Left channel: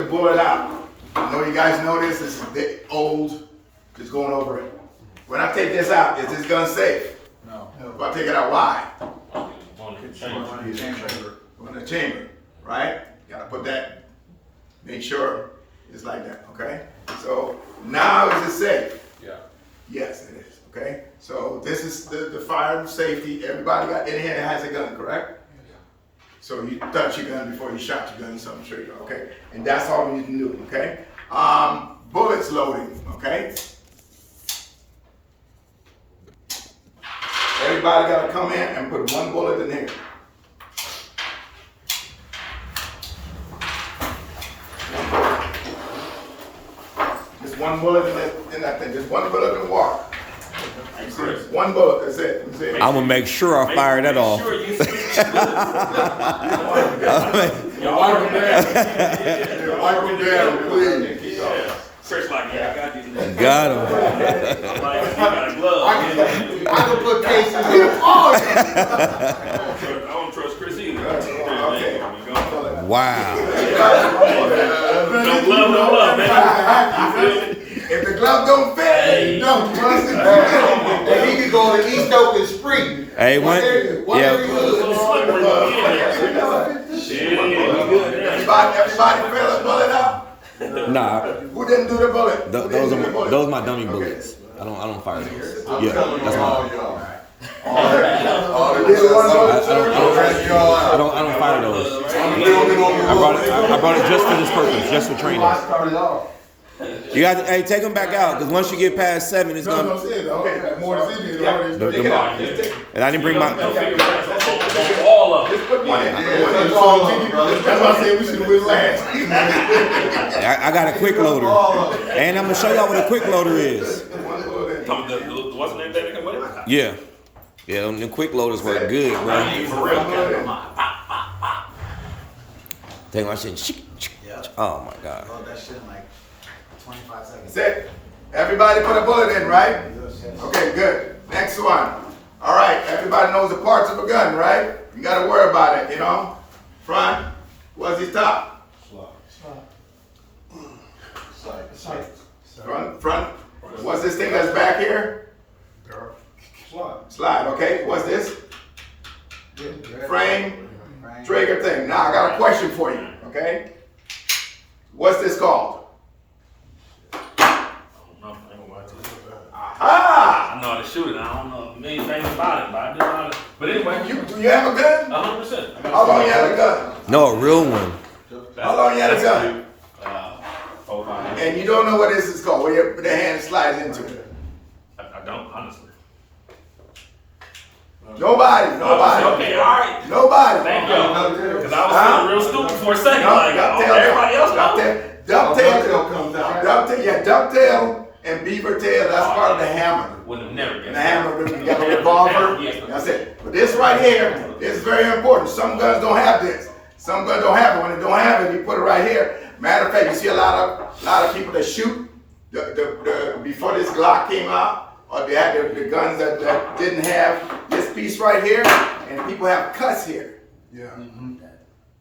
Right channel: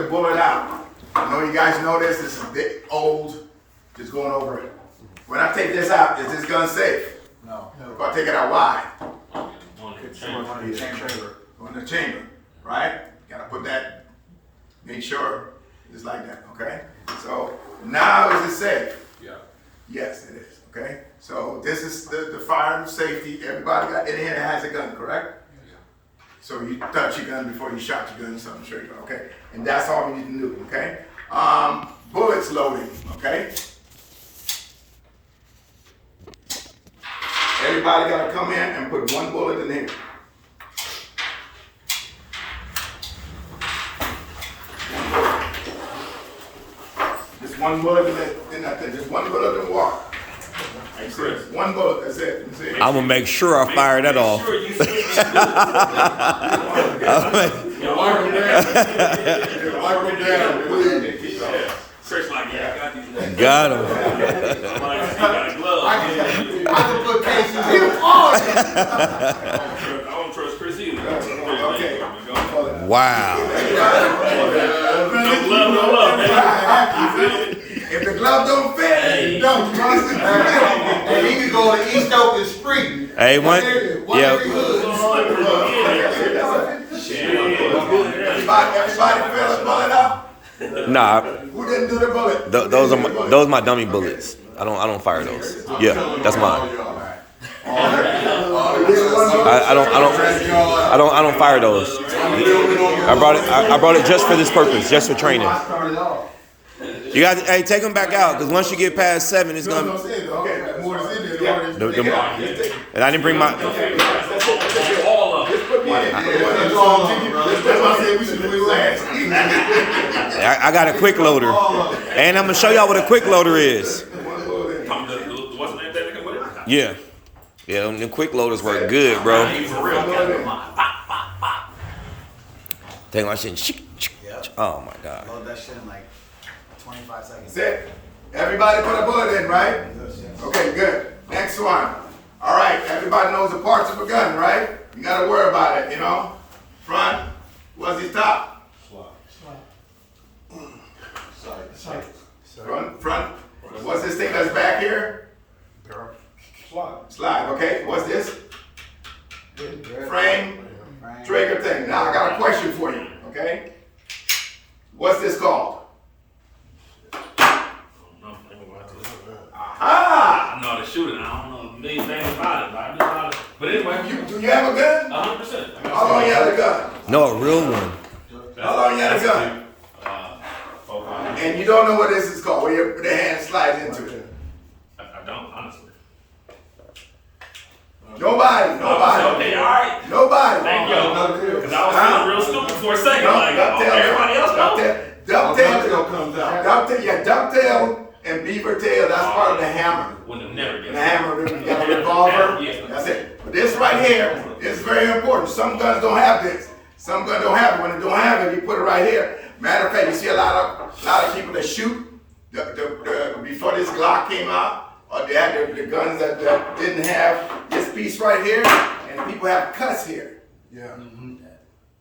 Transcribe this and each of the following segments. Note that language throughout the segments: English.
the bullet out. I know you guys know this. This is old. Just going over it. When I take this out, is this gun safe? No. If I take it out, why? Go in the chamber. Go in the chamber, right? Gotta put that. Make sure it's like that. Okay. So now is it safe? Yeah. Yes, it is. Okay. So this is the fire and safety. Everybody got in here that has a gun, correct? Yeah. So you touch your gun before you shot your gun, so I'm sure you know, okay? And that's all we need to do, okay? Bullets loading, okay? Everybody gotta come in and put one bullet in here. Just one bullet in that thing, just one bullet in water. That's it. One bullet, that's it. That's it. I'm gonna make sure I fire that off. Search like that. I got these niggas. Got him. Like, you got a glove. I can put cases here. I don't trust Chris either. Okay. Wow. No glove, no love, man. If the glove don't fit, no. And he could go to East Oakland Spring. Hey, yeah. Everybody fill a bullet up? Nah, Who didn't do the bullet? those are my dummy bullets. I don't fire those. Yeah, that's mine. I don't fire those. I brought it just for this purpose, just for training. You got to, hey, take them back out, because once you get past 7, it's gonna. Okay, more is in there. And I didn't bring my. All of it. Just put one in. That's why I said we should win last. I got a quick loader, and I'm gonna show y'all what a quick loader is. What's the name that with it? Yeah, them quick loaders work good, bro. Take my shit. Oh my god. That shit in like 25 seconds. That's it. Everybody put a bullet in, right? Okay, good. Next one. All right, everybody knows the parts of a gun, right? You gotta worry about it, you know? Front, what's his top? Front, what's this thing that's back here? Slide, okay. What's this? Frame, trigger thing. Now I got a question for you, okay? What's this called? Ah! I know how to shoot it. I don't know a million things about it, but I do know how to. But anyway, Do you have a gun? 100%. How long you had a gun? No, a real one. How long you had a gun? 4 5 minutes. And you don't know what this is called, where the hand slides into it. I don't, honestly. Nobody. Okay, all right. Nobody. Thank you. Because I was feeling real stupid for a second. Like, everybody else knows. Ducktail and beaver tail, that's part of the hammer. Would have never And been. the hammer, you got a revolver, that's it. But this right here is very important. Some guns don't have this. Some guns don't have it. When it don't have it, you put it right here. Matter of fact, you see a lot of people that shoot before this Glock came out, or they had the guns that didn't have this piece right here, and people have cuts here. Yeah.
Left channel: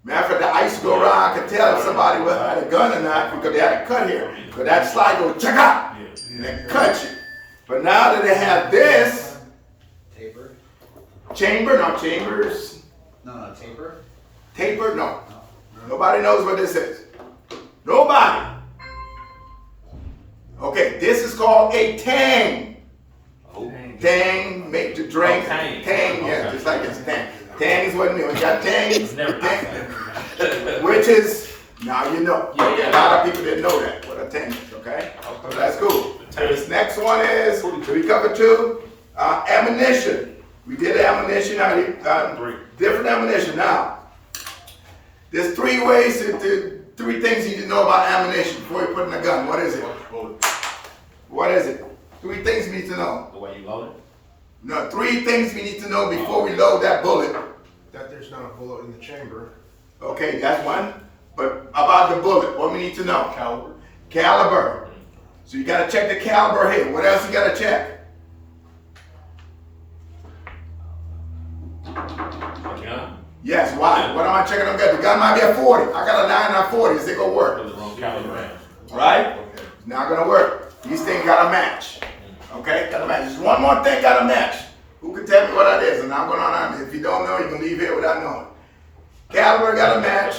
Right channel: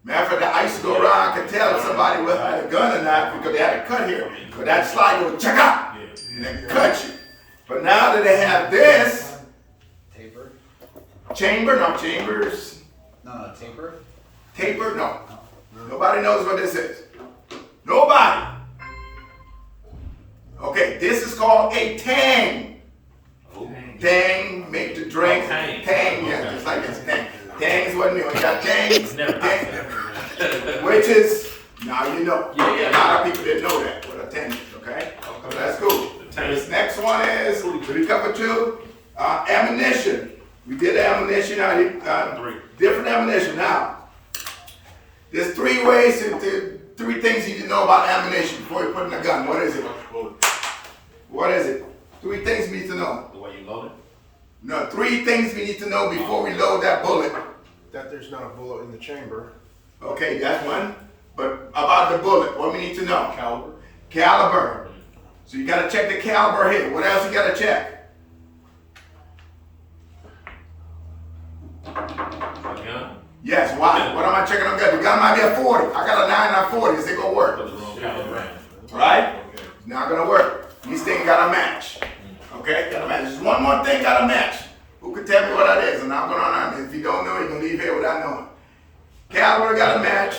Matter of fact, I used to go around, I could tell if somebody had a gun or not because they had a cut here. But that slide goes check out and then cut you. But now that they have this Taper? chambers, No, taper? taper, no. Nobody knows what this is. Nobody. Okay, this is called a tang. Tang, make the drink. Oh, tang. Tang, yeah, Okay. just like this. Tang. Tang is what it means. We got tang, which is, now you know. Yeah. A lot of people didn't know that, what a tang is, okay? So that's cool. This next one is, did we cover 2? Ammunition. We did ammunition, different ammunition. Now, there's 3 ways, 3 things you need to know about ammunition before you put in a gun. What is it? What is it? 3 things we need to know. The way you load it? No, 3 things we need to know before we load that bullet. That there's not a bullet in the chamber. Okay, that's one. But about the bullet, what we need to know? Caliber. So you gotta check the caliber here. What else you gotta check? A gun? Yes, why? What am I checking on gun? The gun might be a 40. I got a 9 on 40. Is it gonna work? Was it wrong? right? It's not gonna work. These things gotta match. Okay, gotta match. Just one more thing gotta match. Who could tell me what that is? And I'm going on. If you don't know, you can leave here without knowing. Caliber gotta match.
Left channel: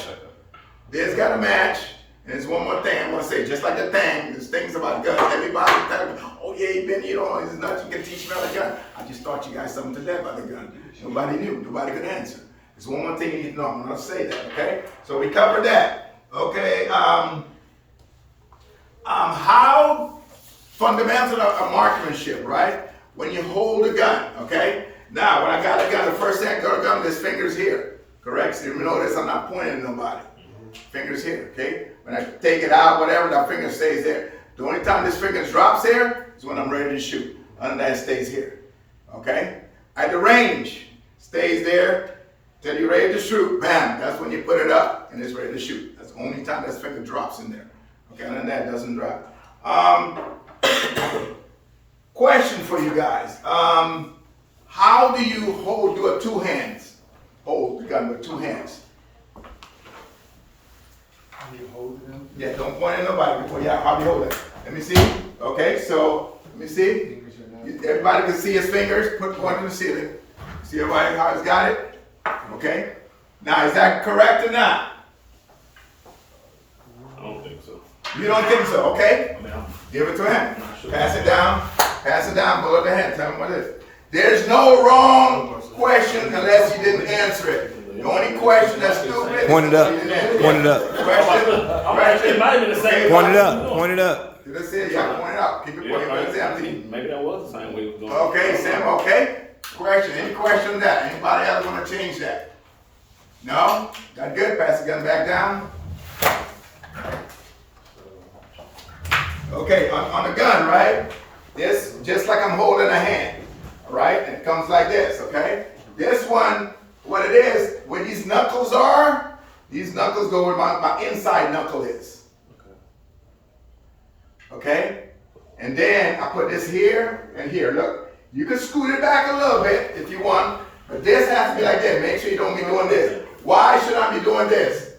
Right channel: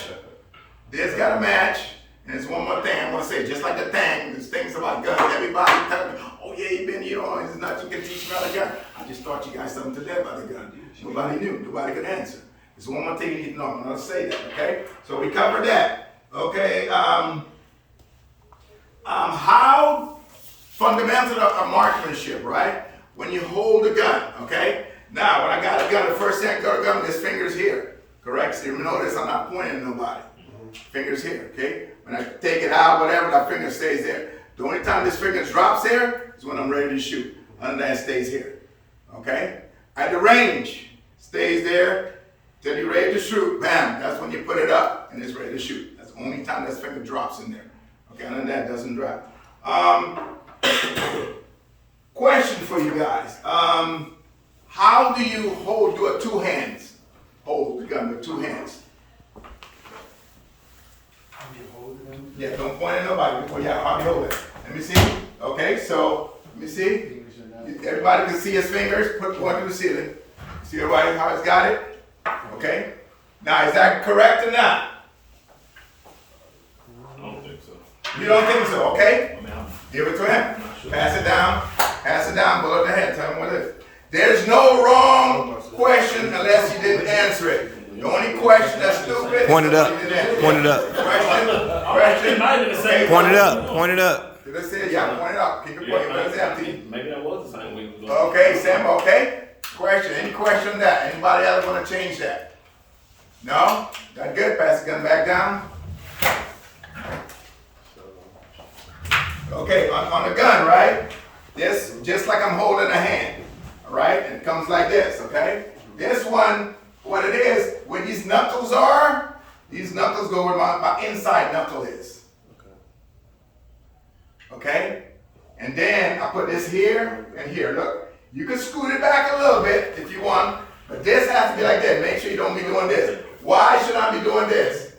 This gotta match. And there's one more thing I'm gonna say, just like the thing, there's things about guns. Everybody talking about, oh yeah, you been, you know, there's nothing you can teach me about the gun. I just taught you guys something today about the gun. Nobody knew, nobody could answer. There's one more thing you need to know, I'm gonna say that, okay? So we covered that. Okay, how fundamental of marksmanship, right? When you hold a gun, okay? Now, when I got a gun, the first thing I got a gun, there's fingers here, correct? So you notice I'm not pointing at nobody. Fingers here, okay? When I take it out, whatever, that finger stays there. The only time this finger drops here is when I'm ready to shoot. Other than that, it stays here, okay? At the range, stays there till you're ready to shoot. Bam, that's when you put it up and it's ready to shoot. That's the only time this finger drops in there. Okay, other than that, it doesn't drop. Question for you guys. How do you do it two hands? Hold the gun with two hands. Yeah, don't point at nobody before you how do you hold it? Let me see. Okay, so let me see. Everybody can see his fingers. Put one to the ceiling. See everybody how he's got it? Okay. Now is that correct or not? I don't think so. You don't think so? Okay. I mean, I'm Give it to him. not sure. Pass it down. Pass it down. Below the hand. Tell him what it is. There's no wrong question unless you didn't answer it. The only question that's stupid. Point it up. is you didn't answer Point it up. It might have been the same. Point it up. Point it up. Did I say it? Yeah, point it up. Keep it pointing. Let it empty. Maybe that was the same way it was going. Okay, Sam, okay? Question, any question on that? Anybody else wanna change that? No? That good? Pass the gun back down. Okay, on the gun, right? This, just like I'm holding a hand, all right? And it comes like this, okay? This one, what it is, where these knuckles are, these knuckles go where my inside knuckle is. Okay? And then I put this here and here. Look, you can scoot it back a little bit if you want, but this has to be like that. Make sure you don't be doing this. Why should I be doing this?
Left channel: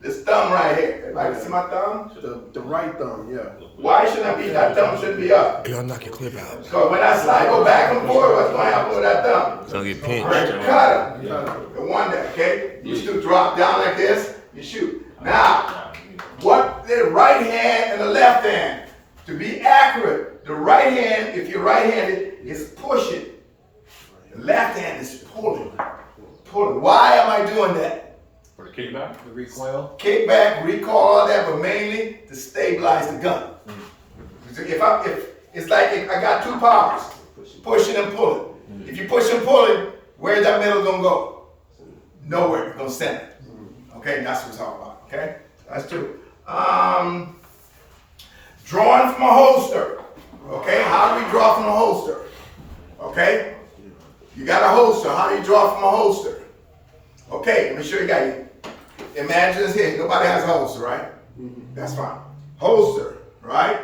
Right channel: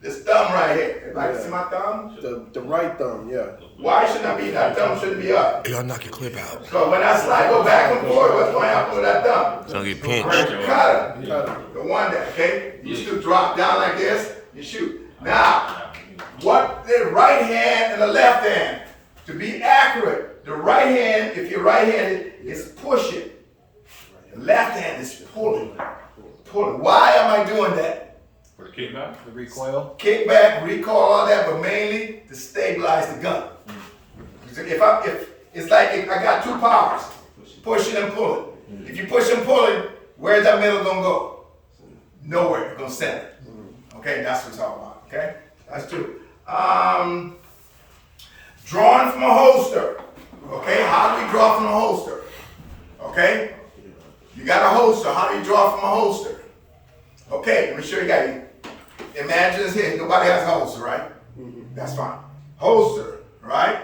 This thumb right here. Everybody see my thumb? The right thumb, yeah. Why shouldn't I be, that thumb shouldn't be up? Y'all knock your clip out. So when I slide, go back and forth, what's going to happen with that thumb? It's gonna get Right, pinched. you cut him. The one that, okay? You should drop down like this, you shoot. Now, what the right hand and the left hand, to be accurate, the right hand, if you're right-handed, is pushing. The left hand is pulling. Pulling. Why am I doing that? For the kickback? The recoil. Kickback, recoil, all that, but mainly to stabilize the gun. If it's like if I got two powers, pushing and pulling. If you push and pulling, where's that middle gonna go? Nowhere. It's gonna center. Okay, that's what it's all about. Okay, that's two. Drawing from a holster. Okay, how do we draw from a holster? Okay, you got a holster. How do you draw from a holster? Okay, let me show you guys. Imagine this here. Nobody has a holster, right? That's fine. Holster, right?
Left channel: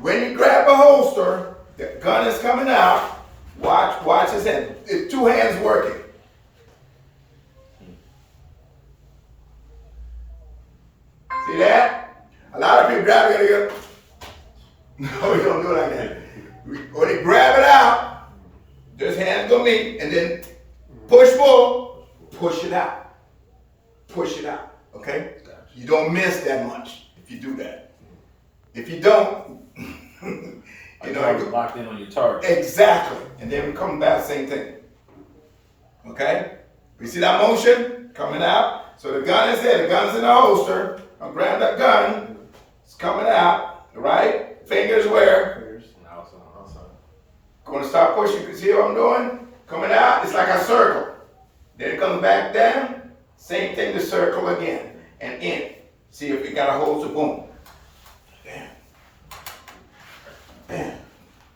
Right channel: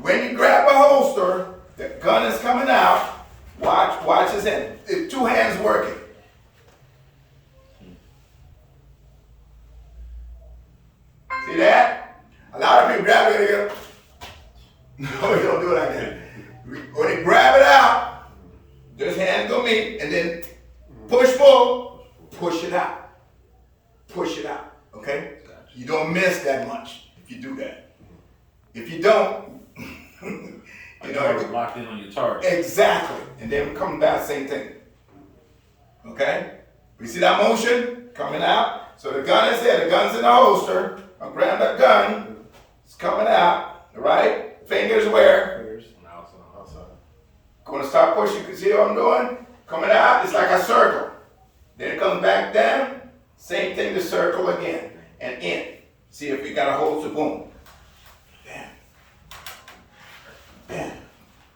When you grab a holster, the gun is coming out. Watch his hand. It's two hands working. See that? A lot of people grab it and go, no, you don't do it like that. When you grab it out, those hands go meet, and then push, pull, push it out. Push it out, okay? You don't miss that much if you do that. If you don't, you know, You're locked in on your target. exactly. And then we come back, same thing. Okay? We see that motion coming out. So the gun is here, the gun's in the holster. I'll grab that gun, it's coming out, right? Fingers where? Gonna start pushing, you can see what I'm doing? Coming out, it's like a circle. Then it comes back down. Same thing, the circle again, and in. See if you got a hold, so boom. Bam. Bam.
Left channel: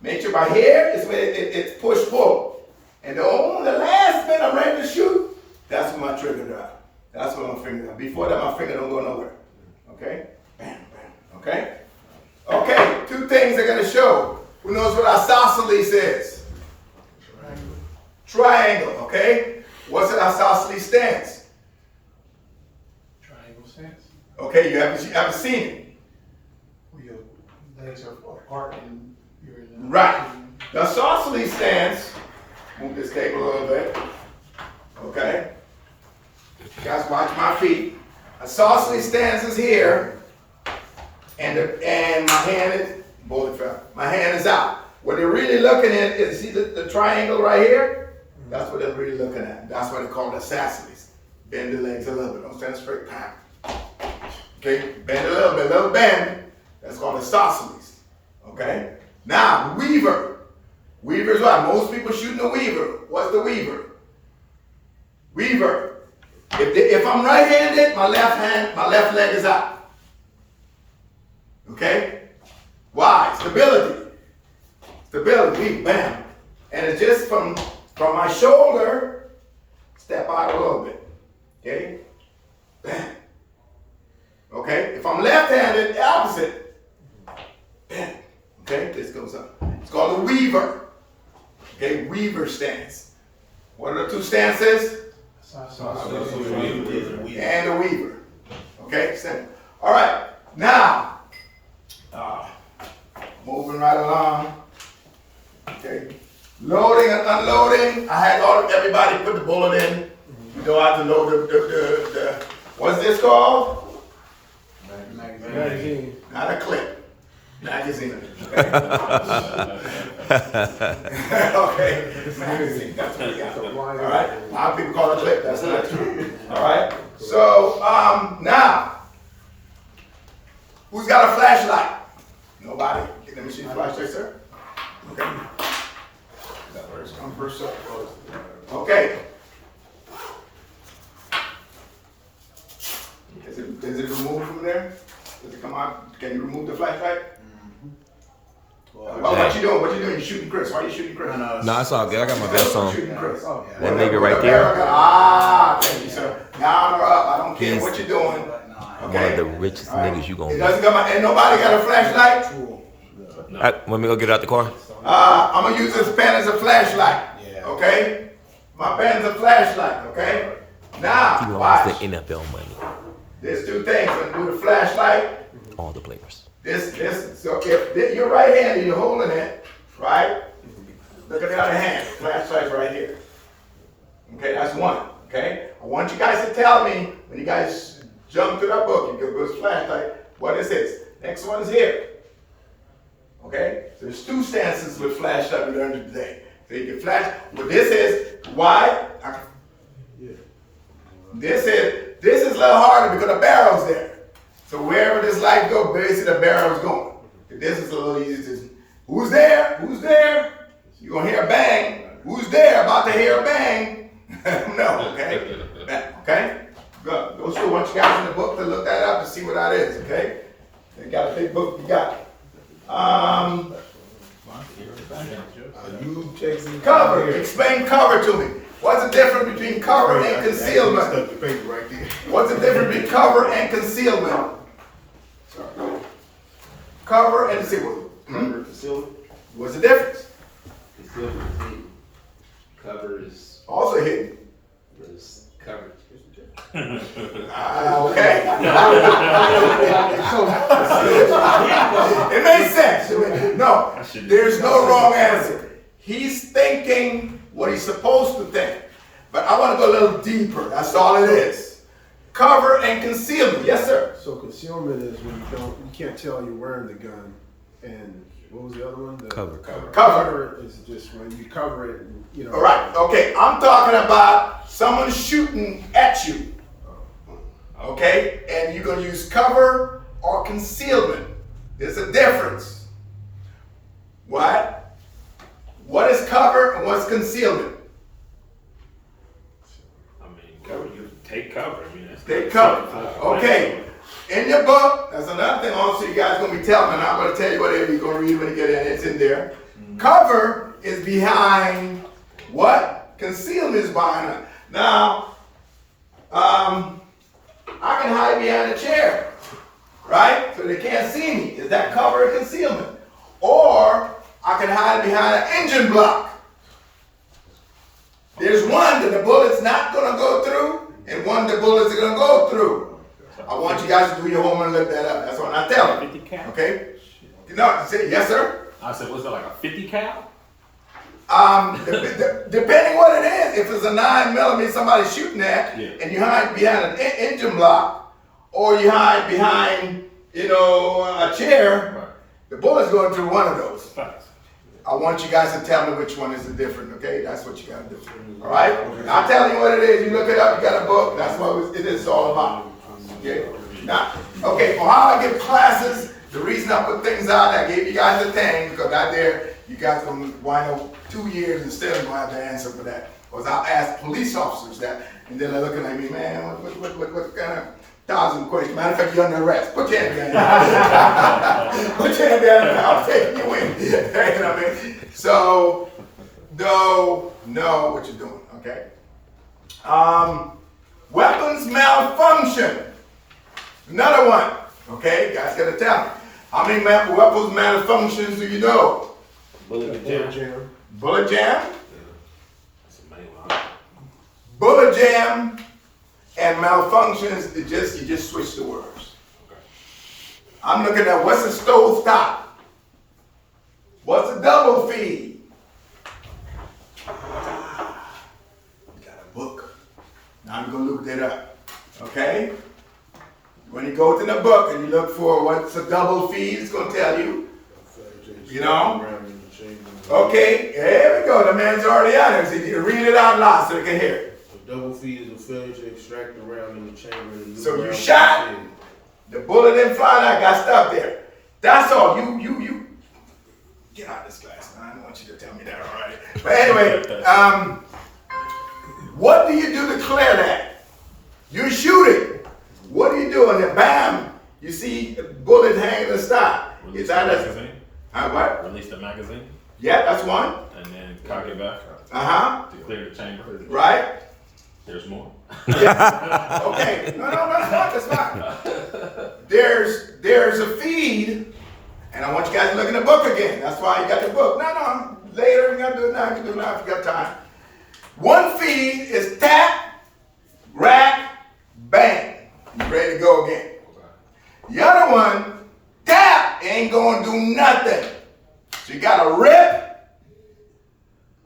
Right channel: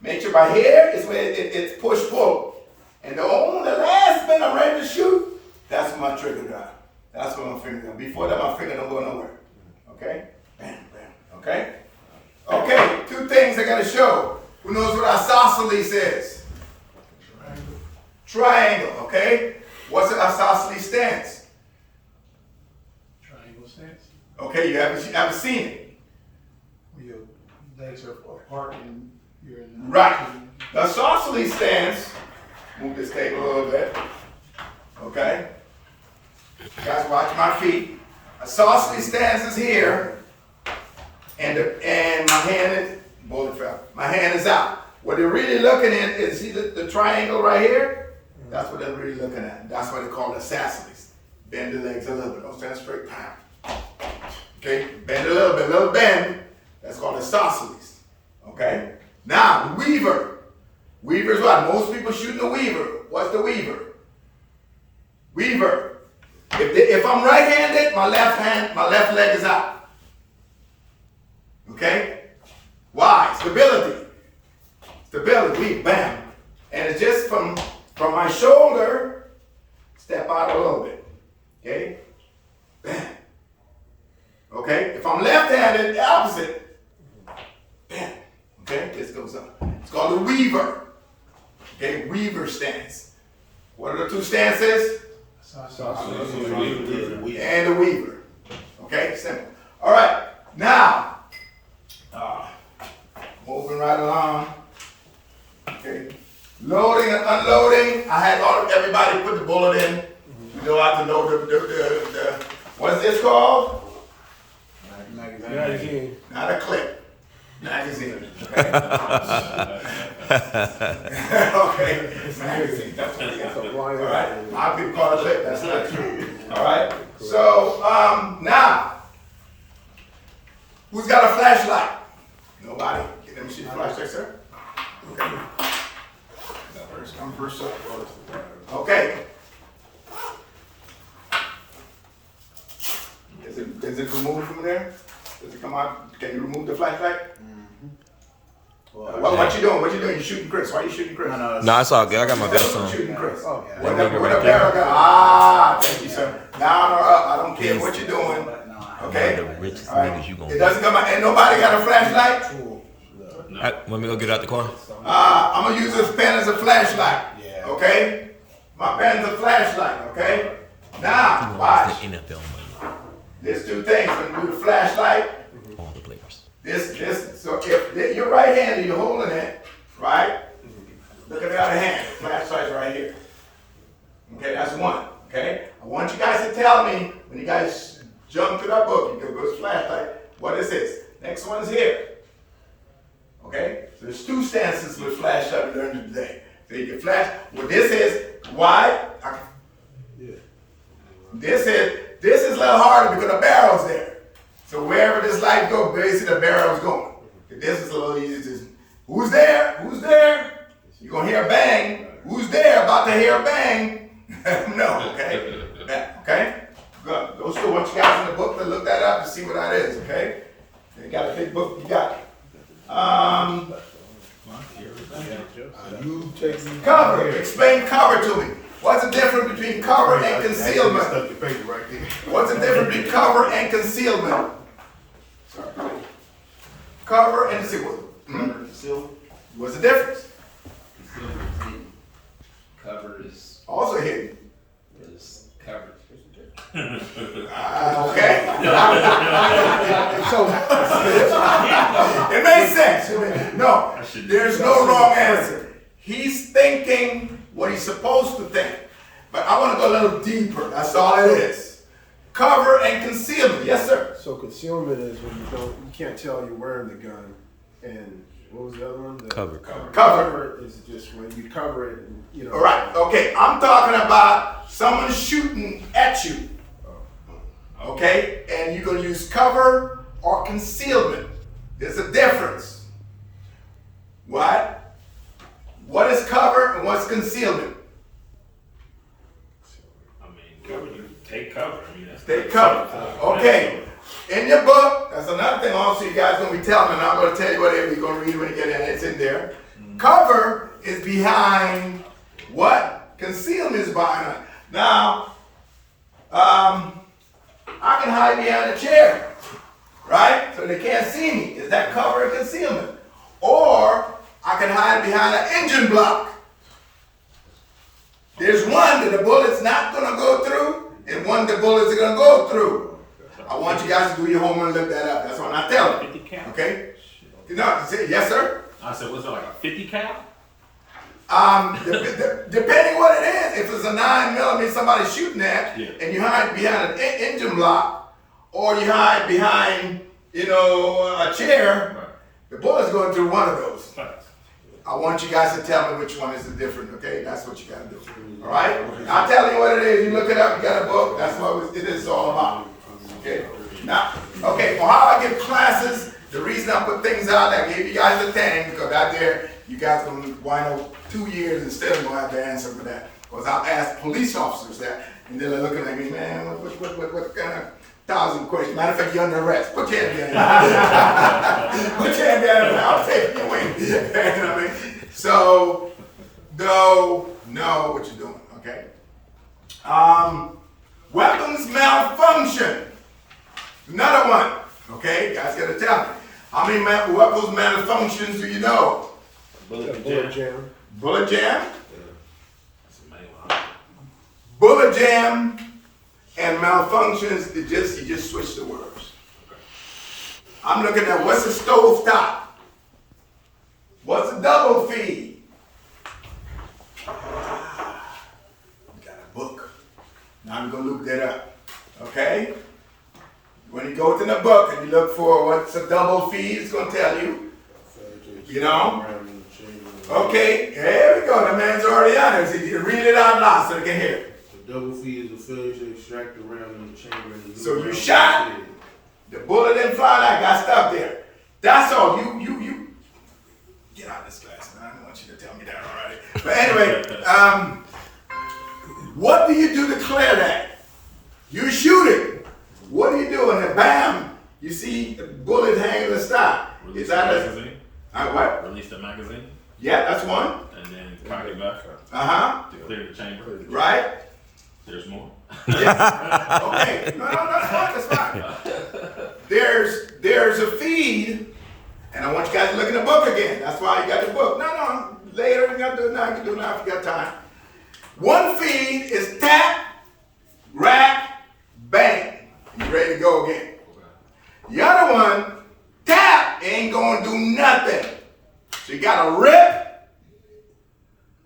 Make sure by here is where it's push-pull. And the last minute I'm ready to shoot, that's when my trigger drive. That's when my finger, before that my finger don't go nowhere. Okay? Bam, bam, okay? Okay, two things I gotta show. Who knows what isosceles is? Triangle, okay? What's an isosceles stance? Okay, you haven't seen it. Your legs are apart and you're in the. Right. The isosceles stance, move this table a little bit. Okay? You guys watch my feet. Isosceles stance is here, and my hand is, bullet fell. My hand is out. What they're really looking at is, see the triangle right here? That's what they're really looking at. That's why they call it isosceles. Bend the legs a little bit. Don't stand straight. Bam. Okay? Bend a little bit, little bend. That's called isosceles. Okay? Now, the weaver. Weaver is what? Most people shooting the weaver. What's the weaver? Weaver. If I'm right-handed, my left leg is out. Okay? Why? Stability. Stability. Bam. And it's just from my shoulder, step out a little bit. Okay? Bam. Okay? If I'm left-handed, the opposite. Bam. Okay? This goes up. It's called a weaver. Okay? Weaver stance. What are the two stances? And a weaver. Okay? Simple. All right. Now, moving right along. Okay. Loading and unloading. I had everybody put the bullet in. You know how to load the what's this called? Magazine. Not a clip. Magazine. Okay. Okay. Magazine. That's what we got. All right. A lot of people call it a clip. That's not true. All right. So now, who's got a flashlight? Nobody. Let me see the flashlight, sir. Okay. First come, first up. Okay. Is it removed from there? Does it come out? Can you remove the flashlight? What you doing? What you doing? You shooting Chris? Why are you shooting Chris? No, it's all good. I got my vest on. Shooting Chris. One nigga right there. Thank you, sir. Down or up? I don't care what you're doing. Okay. One of the richest niggas you gonna It be. doesn't come out. Ain't nobody got a flashlight? Let me go get out the car. I'm gonna use this pen as a flashlight. Okay? My pen's a flashlight, okay? Now, You watch. lost the NFL money. There's two things. When you do the flashlight, All the players. so if you're right-handed, you're holding it, right? Look at the other hand. Flashlight's right here. Okay, that's one. Okay? I want you guys to tell me, when you guys jump to that book, you go to this flashlight, what is this? Next one is here. Okay? So there's two stances with flashlight we learned today. So you can flash. What this is, why? This is a little harder because the barrel's there. So wherever this light goes, basically the barrel's going. This is a little easier. Who's there? Who's there? You're gonna hear a bang. Who's there? About to hear a bang. No, okay? Okay? Good. Those two, want you guys in the book to look that up and see what that is, okay? You got a big book, you got it. You take Cover. Explain cover to me. What's the difference between cover and concealment? What's the difference between cover and concealment? Cover and concealment. What's the difference? Concealment is hidden. Cover is Also hidden. covered. Okay. It makes sense. No, there's no wrong answer. He's thinking what he's supposed to think. But I want to go a little deeper. That's all it is. Cover and concealment. Yes, sir. So concealment is when you can't tell you're wearing the gun, and what was the other one? Cover. Cover is just when you cover it, and, you know. All right. Okay. I'm talking about someone shooting at you. Okay? And you're going to use cover or concealment. There's a difference. What? What is cover and what's concealment? I mean, cover. Take cover. I mean, that's Take cover. Okay. In your book, that's another thing also you guys going to be telling me, and I'm going to tell you what it is. We're going to read when you get in. It's in there. Cover is behind what? Concealment is behind it. Now, I can hide behind a chair, right? So they can't see me. Is that cover or concealment? Or I can hide behind an engine block. There's one that the bullet's not going to go through, and one the bullets are going to go through. I want you guys to do your homework and look that up. That's what I'm telling you. 50 cal. Okay? No, say, yes, sir? I said, what's that, like a 50 cal? Depending what it is, if it's a 9mm somebody's shooting at, Yeah. and you hide behind an engine block, or you hide behind, a chair, the bullet's going through one of those. Facts. I want you guys to tell me which one is the different, okay? That's what you gotta do. All right? I'll tell you what it is. You look it up, you got a book. That's what it is all about. Okay? Now, okay, for how I give classes, the reason I put things out, I gave you guys the thing, because out there, you guys gonna wind up 2 years and still gonna have to answer for that. Because I'll ask police officers that, and then they're looking at me, man, what kind of 1,000 questions? Matter of fact, you're under arrest. Put your hand behind Put your hand behind I'll take you in. You know what I mean? So, know what you're doing, okay? Weapons malfunction. Another one, okay? You guys gotta tell me. How many weapons malfunctions do you know? Bullet Bullet jam. jam. Bullet jam, That's the main one. bullet jam, and malfunctions, you just switch the words. I'm looking at what's a stove top? What's a double feed? You got a book. Now I'm gonna look that up, okay? When you go to the book and you look for what's a double feed, it's gonna tell you. You know? Okay, here we go. The man's already on it. So you read it out loud so they can hear it. The double feed is a failure to extract the round in the chamber. And the So you round shot. is dead. The bullet didn't fly out, got stuck there. That's all. You get out of this class, man. I don't want you to tell me that already. But anyway, what do you do to clear that? You shoot it. What do you do? And then bam, you see a bullet hanging in the stock. Release Is the that a magazine. what? Release the magazine. Yeah, that's one. And then cock it back Uh-huh. to clear the chamber. Right? There's more. Okay. No, that's fine. There's a feed, and I want you guys to look in the book again. That's why you got the book. No, later, you gotta do it now. You can do it now if you got time. One feed is tap, rack, bang. You ready to go again. The other one, tap, ain't gonna do nothing. So you gotta rip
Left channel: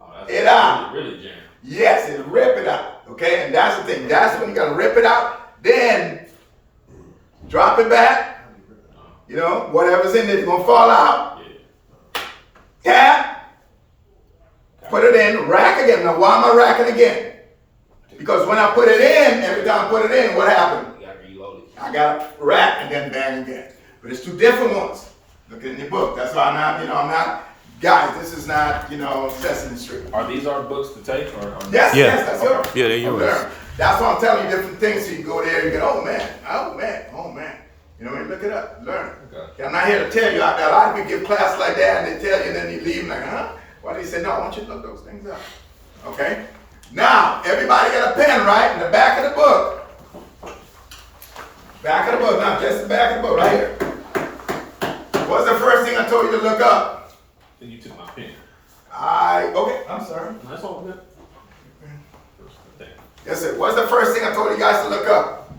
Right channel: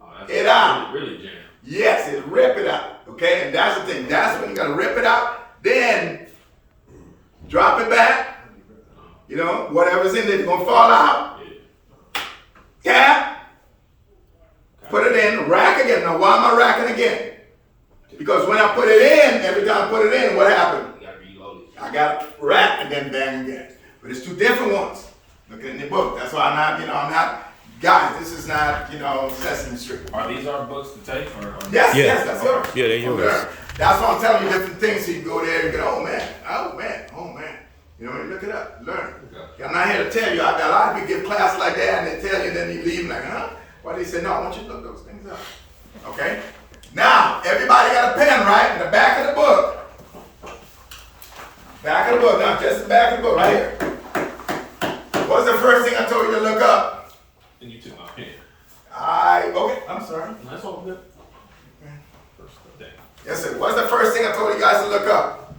Oh, that's it out. Really jam. Yes, it rip it out. Okay, and that's the thing. That's when you gotta rip it out. Then drop it back. Whatever's in there gonna fall out. Tap. Put it in. Rack again. Now why am I racking again? Because when I put it in, every time I put it in, what happened? You gotta reload it. I got rack and then bang again. But it's two different ones. Look in the book. That's why I'm not. Guys, this is not, Sesame Street. Are these our books to take or Yes, Yeah. yes, that's yours. Yeah, they're yours. Okay. That's why I'm telling you different things so you can go there and go, oh man. You know what I mean? Look it up, learn it. I'm not here to tell you. A lot of people give class like that and they tell you and then you leave like, huh? Why do you say no? I want you to look those things up. Okay? Now, everybody got a pen, right? In the back of the book. Back of the book, not just the back of the book, right here. What's the first thing I told you to look up? Then you took my pen. Okay, I'm sorry. No, that's all good. First thing. Yes, sir. What's the first thing I told you guys to look up?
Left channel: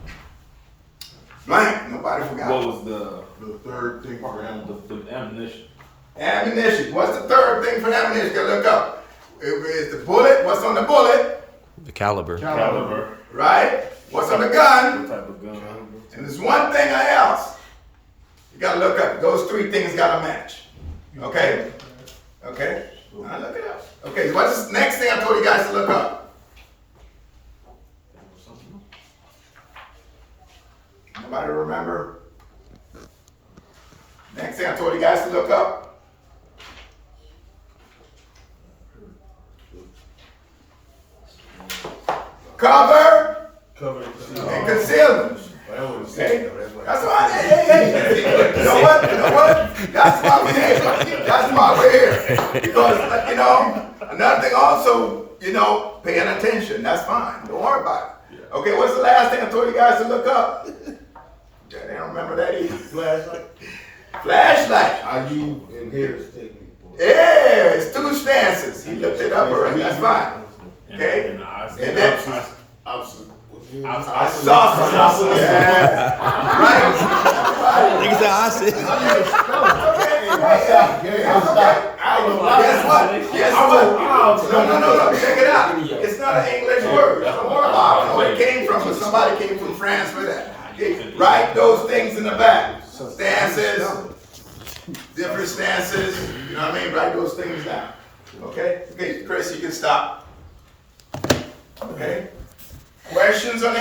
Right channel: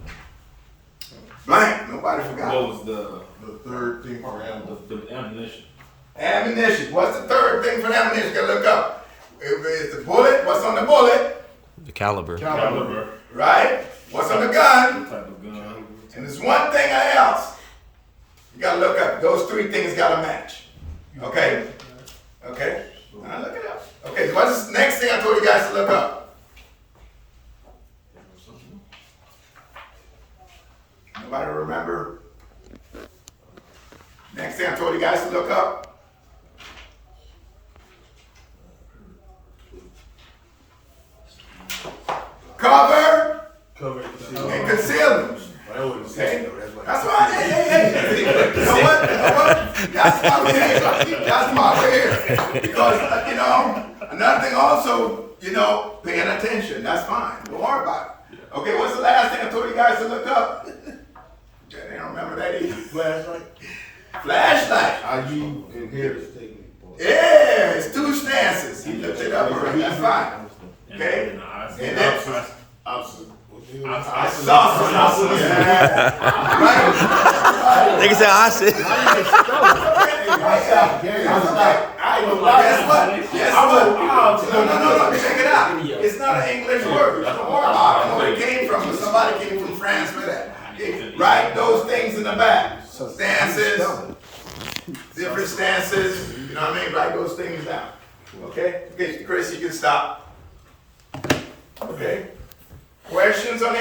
Blank. Nobody forgot. What was the third thing for ammo. the ammunition? Ammunition. What's the third thing for ammunition you gotta look up? Is the bullet? What's on the bullet? The caliber. Caliber. Right? What's on the gun? What type of gun? And there's one thing else. You gotta look up. Those three things gotta match. Okay? Okay? Now look it up. Okay, what's the next thing I told you guys to look up? Nobody remember? Next thing I told you guys to look up? Cover and concealment. I wouldn't Okay? say no, that's like That's why, hey. You know what? That's why we're here. That's why we're here. Because, another thing also, paying attention. That's fine. Don't worry about it. Okay, what's the last thing I told you guys to look up? They don't remember that either. flashlight. Flashlight. I use in here is taking. Yeah, it's two stances. He looked it up already. That's fine. Okay? And the eyes. And then, Opposite. Sausage. Right? Nigga said I said. Guess what? Guess what? No. Check it out. It's not an English word. Don't worry about it. Where it came from, but somebody came from France for that. Okay? Write those things in the back. Stances, different stances. You know what I mean? Write those things down. Okay? Okay, Chris, you can stop. Okay? Questions on